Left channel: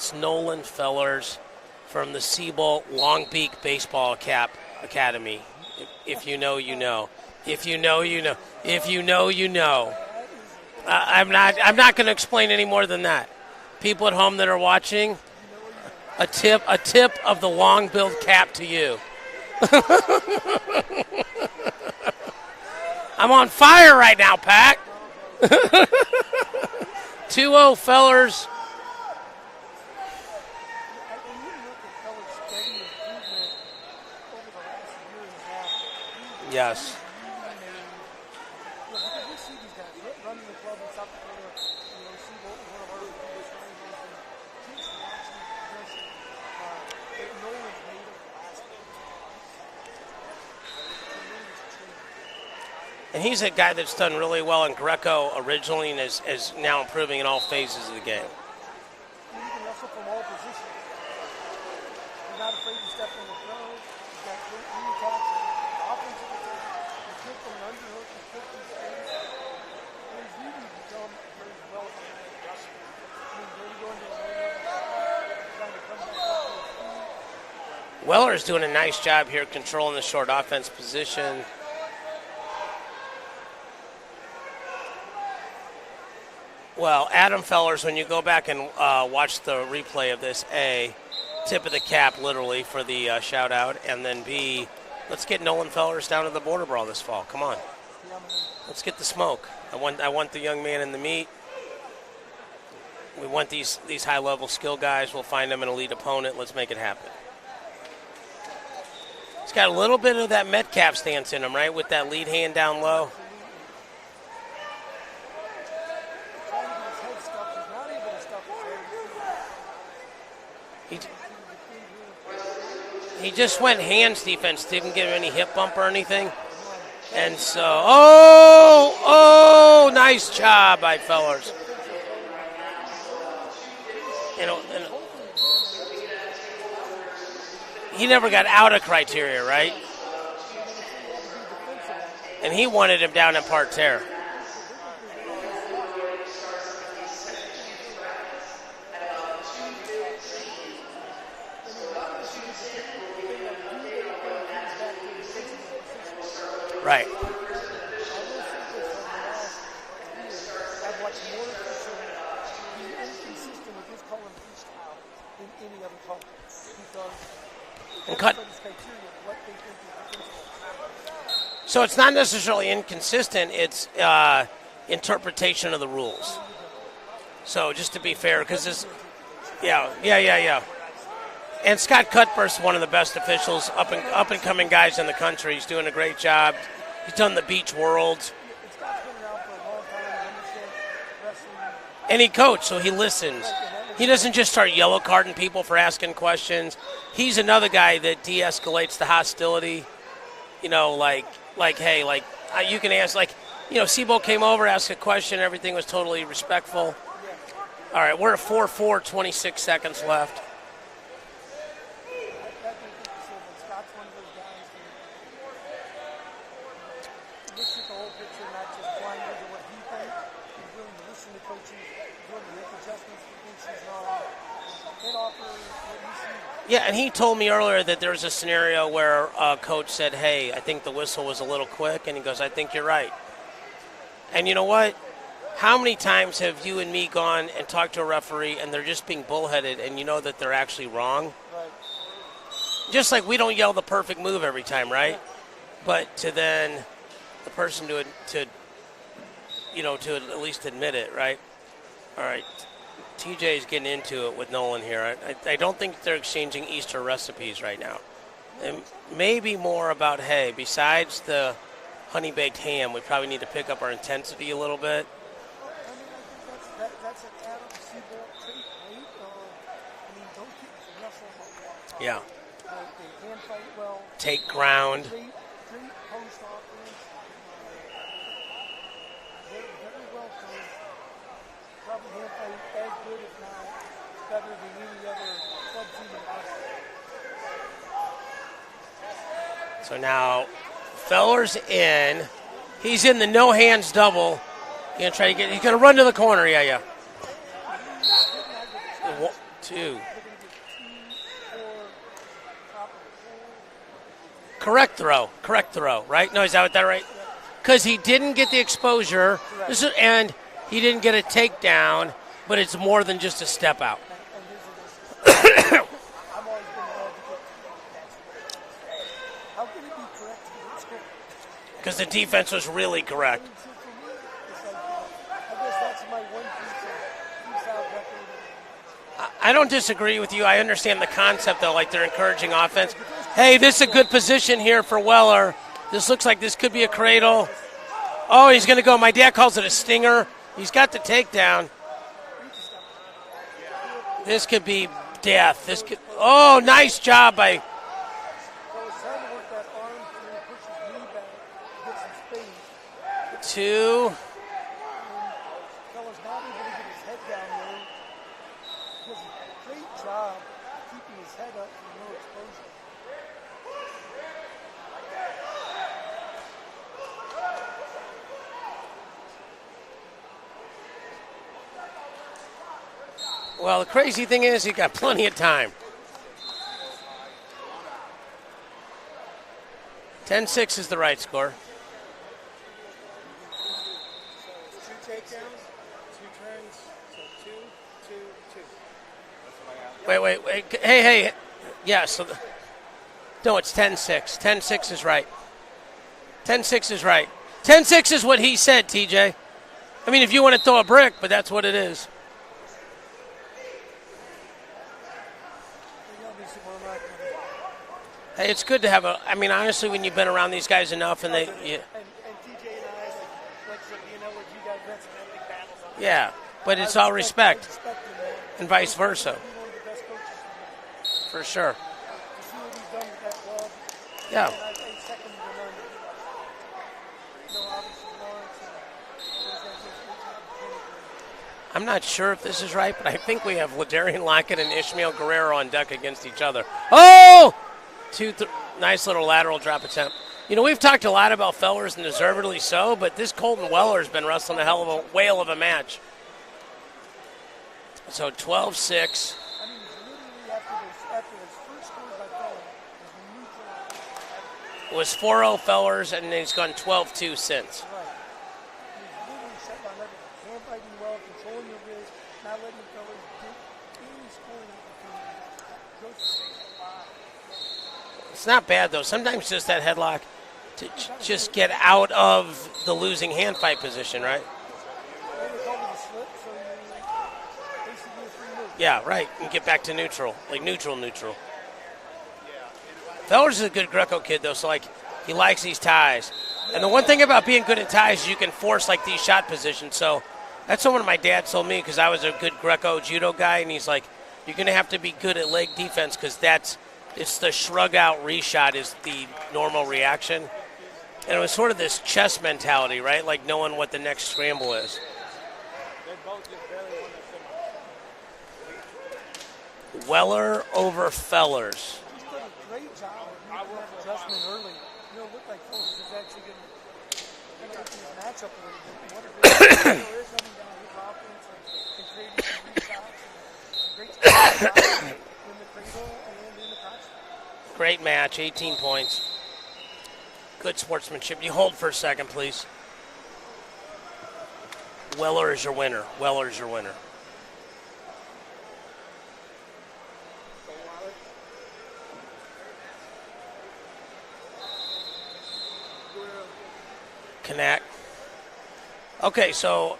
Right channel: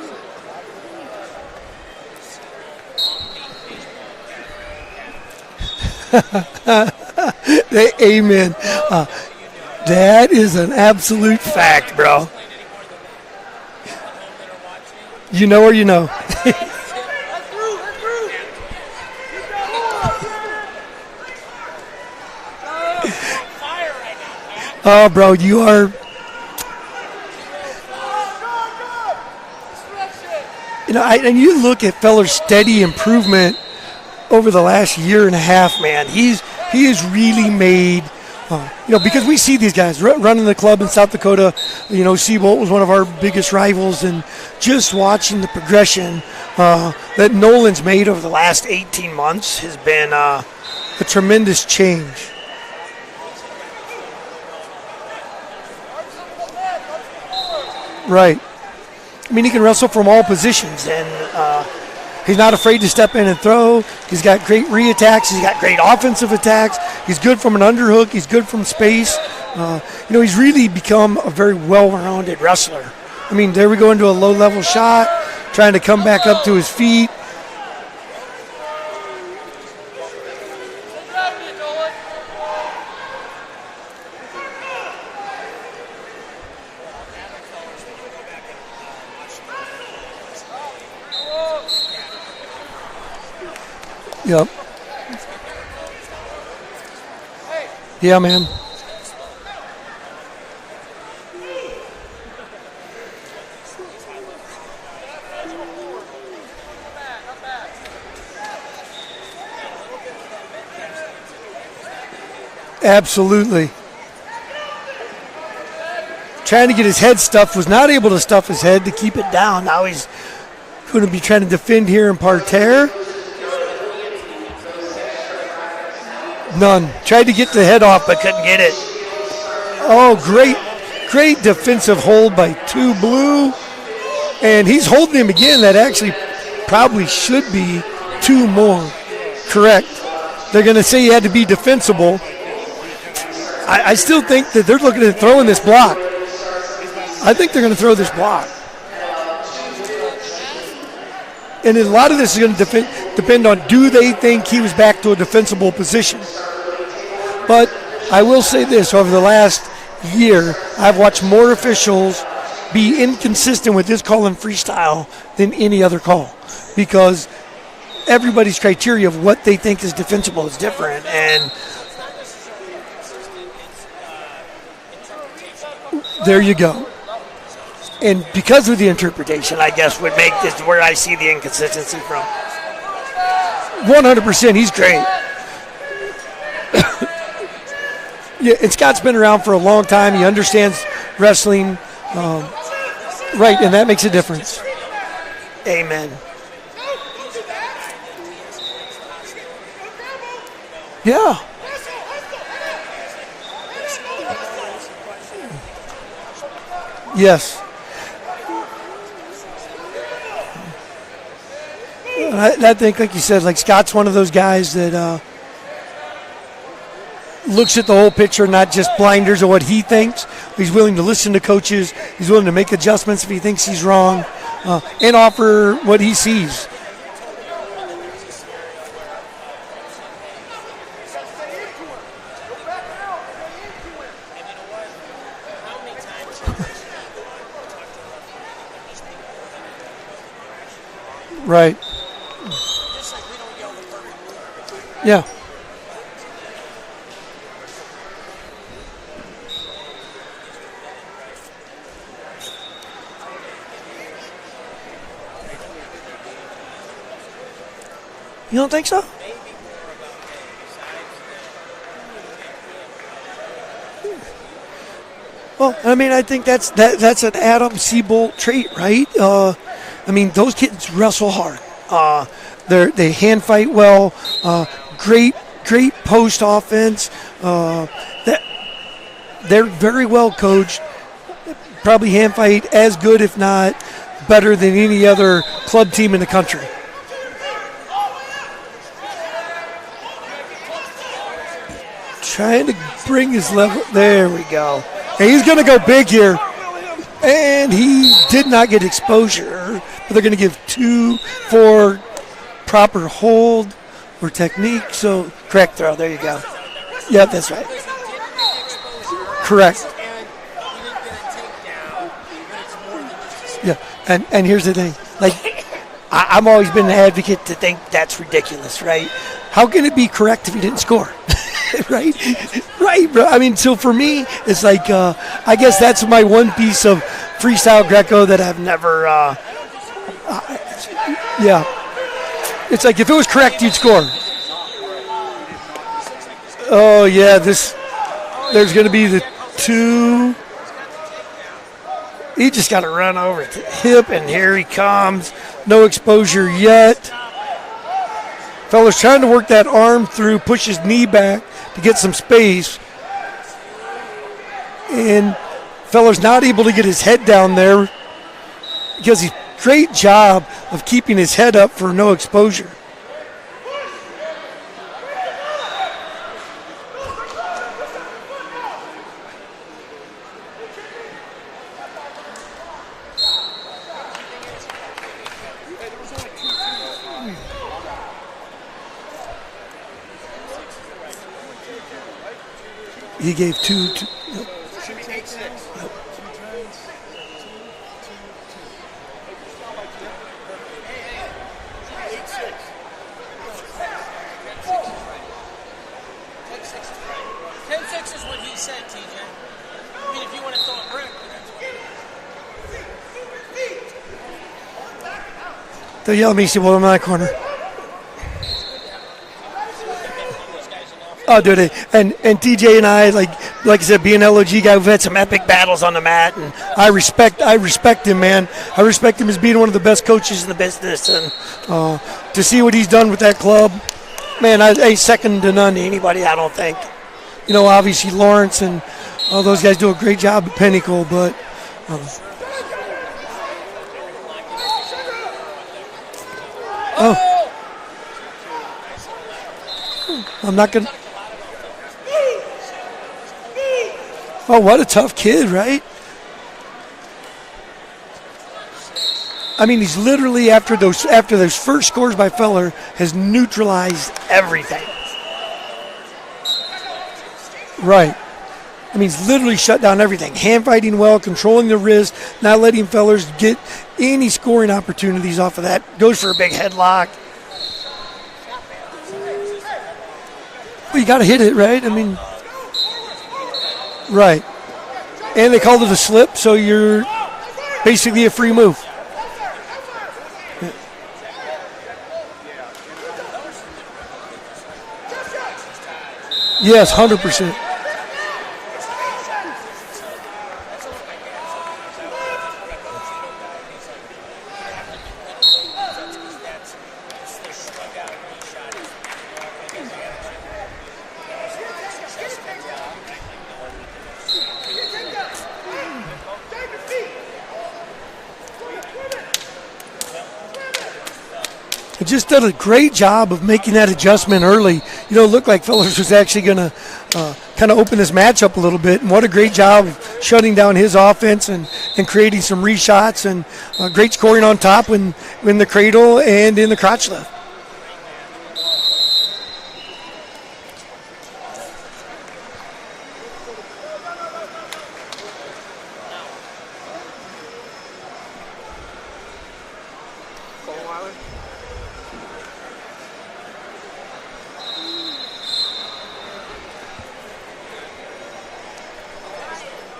It's Nolan Fellers from the Sebolt Long Beach Baseball Academy. If you know, you know. If you know, Amen. You know. If you know, you know. That is an absolute fact, I'm not going bro. to explain any more than that. People at home that are watching, you know or you know. A tip of the long-billed cap to you. I'm on fire right now, Pac. Oh, bro, you are. 2-0 Fellers. You know, and you look at Feller's steady improvement over the last year and a half, man. He has really made, because we see these guys running the club in South Dakota. You know, Sebolt was one of our biggest rivals, and just watching the progression that Nolan's made over the last 18 months has been a tremendous change. And he's a guy that's done really well in Greco originally and is now improving in all phases of the game. Right. I mean, he can wrestle from all positions, and he's not afraid to step in and throw. He's got great re-attacks. He's got great offensive attacks. He's good from an underhook. He's good from space. He's really become a very well-rounded wrestler. I mean, there we go into a low-level shot, trying to come back up to his feet. Weiler's doing a nice job here controlling the short offense position. Well, Adam Fellers, when you go back and watch the replay of this, tip of the cap, literally, for the shout-out, and then B, let's get Nolan Fellers down to the border brawl this fall. Come on. Yeah, man. Let's get the smoke. I want the young man in the meat. We want these high-level skill guys. We'll find them an elite opponent. Let's make it happen. He's got a little bit of that Metcalf stance in him, right, with that lead hand down low. Absolutely. Trying to get his head stuffed, was not able to stuff his head to keep it down. Now he's going to be trying to defend here in parterre. He just went hands defense, didn't get any hip bump or anything. None. Tried to get the head off, but couldn't get it. Nice great, job great defensive hold by 2 Blue. And he's holding him again. That actually probably should be 2 more. He never got out of criteria, right? Correct. They're going to say he had to be defensible. And he wanted him down in parterre. I still think that they're looking at throwing this block. I think they're going to throw this block. And a lot of this is going to depend on, do they think he was back to a defensible position? Right. But I will say this, over the last year, I've watched more officials be inconsistent with this call in freestyle than any other call, because everybody's criteria of what they think is defensible is different. And so it's not necessarily inconsistent, it's interpretation of the rule. There you go. So just to be and fair, because of the interpretation, I guess, would make yeah. is where I see the inconsistency. And Scott Cuthbert's one of the best officials. 100%, he's great. In the country. He's doing a great job. He's done the Beach Worlds. Yeah, and Scott's been around for a long time. He understands wrestling. And he coached, so he listens. Right, and that makes a difference. He doesn't just start yellow carding people for asking questions. He's another guy that de-escalates the hostility. Like, hey, you can ask, Sebolt came over, asked a question, everything was totally respectful. Yes. All right, we're at 4-4, 26 seconds left. I think, like you said, Scott's one of those guys that looks at the whole picture, not just blinders of what he thinks. He's willing to listen to coaches. He's willing to make adjustments if he thinks he's wrong, and offer what he sees. Yeah, and he told me earlier that there was a scenario where a coach said, hey, I think the whistle was a little quick, and he goes, I think you're right. And you know what? How many times have you and me gone and talked to a referee and they're just being bullheaded and you know that they're actually wrong? Right. Just like we don't yell the perfect move every time, right? Yeah. But to then the person to at least admit it, right? All right. TJ is getting into it with Nolan here. I don't think they're exchanging Easter recipes right now. You don't think so? Maybe more about, hey, besides the honey-baked ham, we probably need to pick up our intensity a little bit. Well, I mean, I think that's an Adam Sebolt trait, right? Those kids wrestle hard. They hand fight well. Take ground. Great post offense. They're very well coached. Probably hand fight as good, if not better, than any other club team in the country. So now Feller's in. Trying to he's bring in the his no level. hands There double. we go. And he's going to go big here. And he did not get exposure. But they're going to give 2 for proper hold or technique. Correct throw. Correct throw. There you right? go. No, is that right? Yeah, that's right. Because he didn't get the exposure. Correct. And he didn't get a takedown, but it's more than just a step out. And here's the thing. Like, I've always been an advocate to think that's ridiculous, right? How can it be correct if he didn't score? Right? The defense was really Right, bro. I mean, so for me, it's like, I guess that's my one piece of freestyle Greco that I've never. I don't disagree with you. I understand the concept, though, like they're encouraging offense. It's like if it was correct, hey, this he'd score. is a good position here for Weller. This looks like this could be Oh, a yeah. he's going to go. My the dad calls it a stinger. He's got the takedown. He just got to run over to the hip, and This here he could be comes. death. No exposure yet. Nice job by. Fella's trying to work that arm through, push his knee back to get some space. 2. And Fella's not able to get his head down there because he's great job of keeping his head up for no exposure. Well, the crazy thing is he got plenty of time. 10-6 is the right score. He gave 2. Wait. Hey. Yes. No, it's 10-6. 10-6 is right. 10-6 is right. 10-6 is what he said, TJ. I mean, if you want to throw a brick, but that's what it is. They'll yell at me, Sebolt in my corner. It's good to have I mean, honestly, when you've been around these guys enough. And and TJ and I, like I said, being an LOG guy, we've had some epic battles on the mat, and I respect him, man. I respect him as being one of the best coaches in the business, and for sure. To see what he's done with that club, man, I ain't second to none to anybody, I don't think. Obviously Lawrence and all those guys do a great job at Pinnacle, but I'm not sure if this is right, but I think we have Ladarian Lockett and Ishmael Guerrero on deck against each other. Oh! Nice little lateral drop attempt. We've talked a lot about Fellers, and deservedly so, but this Colton Weller's been wrestling. Oh, what a tough kid, right? Match. So 12-6. I mean, he's literally after those first scores by Feller has neutralized everything. It was 4-0 Fellers, and he's gone 12-2 since. Right. I mean, he's literally shut down everything. Hand fighting well, controlling the wrist, not letting Fellers get any scoring opportunities off of that. Goes for a big headlock. It's not bad, though. Sometimes just that headlock. Well, you got to hit it, right? Out of the losing hand fight position. Right. And they called it a slip, so you're basically a free move. Yeah, right. You get back to neutral. Neutral. Fellers is a good Greco kid, though, so, he likes these ties. Yes, 100%. One thing about being good at ties is you can force, these shot positions. So that's what my dad told me, because I was a good Greco judo guy, and he's like, you're going to have to be good at leg defense, because it's the shrug out reshot is the normal reaction. And it was sort of this chess mentality, right? Like knowing what the next scramble is. Weller over Fellers. He just did a great job of making that adjustment early. It looked like Fellers was actually going to kind of open this match up a little bit. And what a great job of shutting down his offense and creating some reshots and great scoring on top and in the cradle and in the crotch left. Great match, 18 points. Good sportsmanship. You hold for a second, please. Weiler is your winner. Weiler. Connect. Okay, so